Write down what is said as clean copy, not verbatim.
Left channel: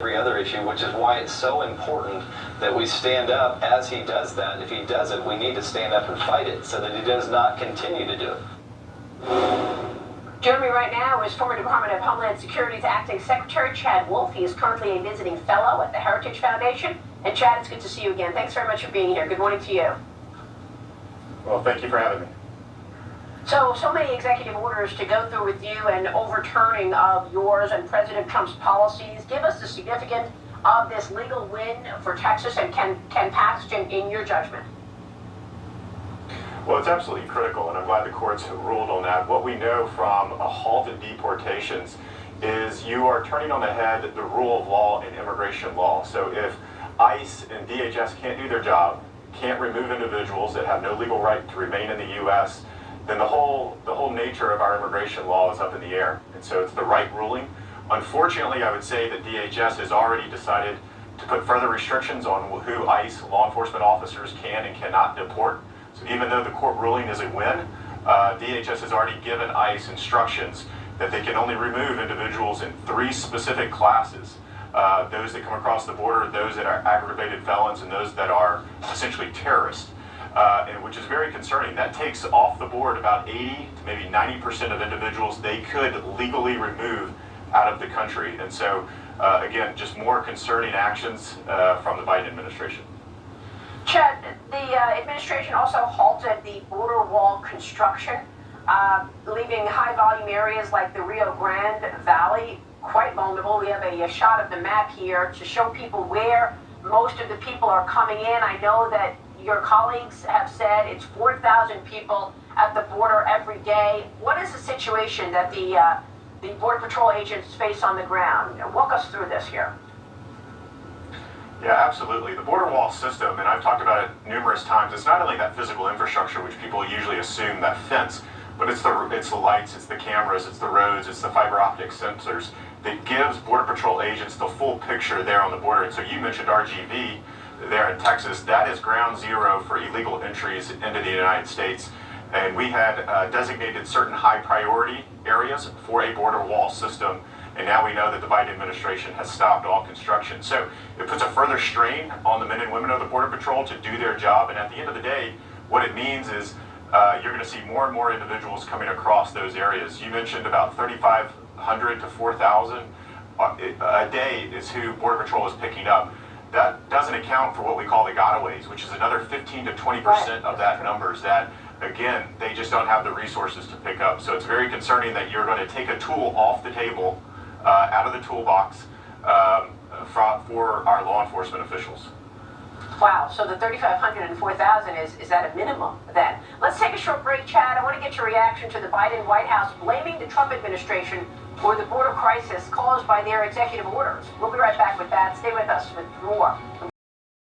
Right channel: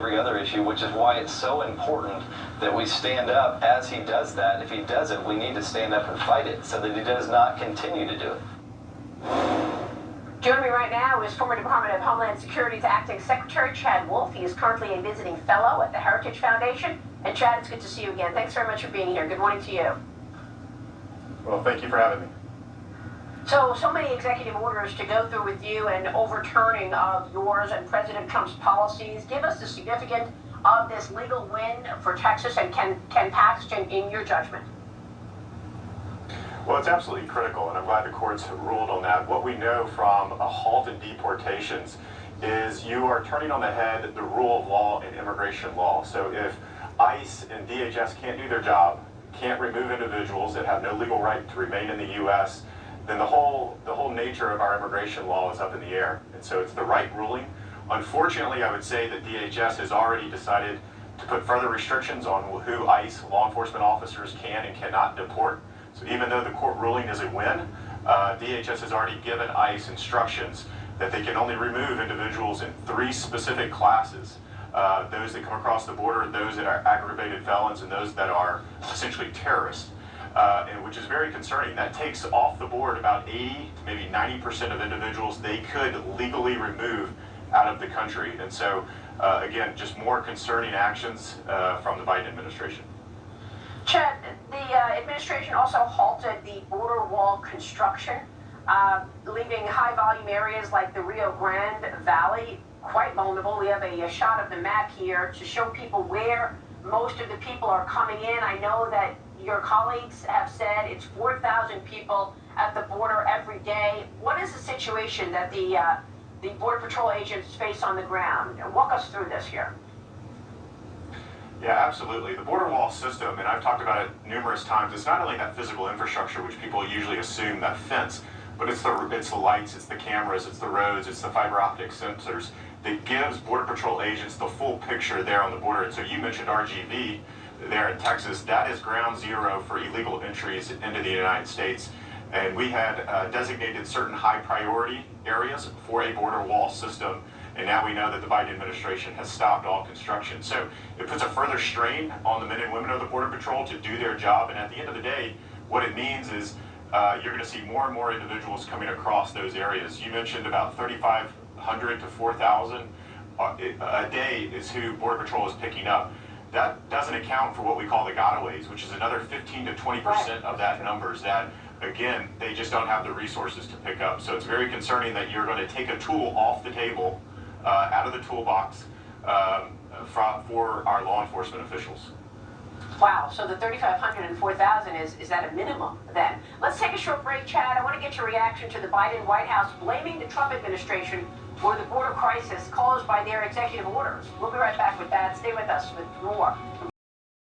every other issue, which is why it's so important that we stand up as he does that. If he does it, we need to stand up and fight it so that he does not continue to do it. Joining me right now is former Department of Homeland Security's Acting Secretary Chad Wolf. He is currently a visiting fellow at the Heritage Foundation. And Chad, it's good to see you again. Thanks very much for being here. Good morning to you. Well, thank you for having me. So many executive orders to go through with you and overturning of yours and President Trump's policies. Give us the significance of this legal win for Texas and can pass in your judgment. Well, it's absolutely critical, and I'm glad the courts have ruled on that. What we know from a halt in deportations is you are turning on the head the rule of law in immigration law. So if ICE and DHS can't do their job, can't remove individuals that have no legal right to remain in the U.S., then the whole nature of our immigration law is up in the air. And so it's the right ruling. Unfortunately, I would say that DHS has already decided to put further restrictions on who ICE law enforcement officers can and cannot deport. So even though the court ruling is a win, DHS has already given ICE instructions that they can only remove individuals in 3 specific classes. Those that come across the border, those that are aggravated felons, and those that are essentially terrorists. And which is very concerning. That takes off the board about 80 to maybe 90% of individuals they could legally remove out of the country. And so, again, just more concerning actions from the Biden administration. Chad, the administration also halted the border wall construction, leaving high-volume areas like the Rio Grande Valley quite vulnerable. We have a shot of the map here to show people where most of the people are coming in. I know that your colleagues have said it's 4,000 people at the border every day. What is the situation that the Border Patrol agents face on the ground? Walk us through this here. Yeah, absolutely. The border wall system, and I've talked about it numerous times, it's not only that physical infrastructure, which people usually assume, that fence, but it's the lights, it's the cameras, it's the roads, it's the fiber optic sensors that gives Border Patrol agents the full picture there on the border. And so you mentioned RGV there in Texas. That is ground zero for illegal entries into the United States. And we had designated certain high priority areas for a border wall system. And now we know that the Biden administration has stopped all construction. So it puts a further strain on the men and women of the Border Patrol to do their job. And at the end of the day, what it means is you're going to see more and more individuals coming across those areas. You mentioned about 3,500 to 4,000 a day is who Border Patrol is picking up. That doesn't account for what we call the gotaways, which is another 15 to 20% of that numbers that, again, they just don't have the resources to pick up. So it's very concerning that you're going to take a tool off the table, out of the toolbox for our law enforcement officials. Wow, so the 3,500 and 4,000 is at a minimum then. Let's take a short break, Chad. I want to get your reaction to the Biden White House blaming the Trump administration for the border crisis caused by their executive orders. We'll be right back with that. Stay with us with more.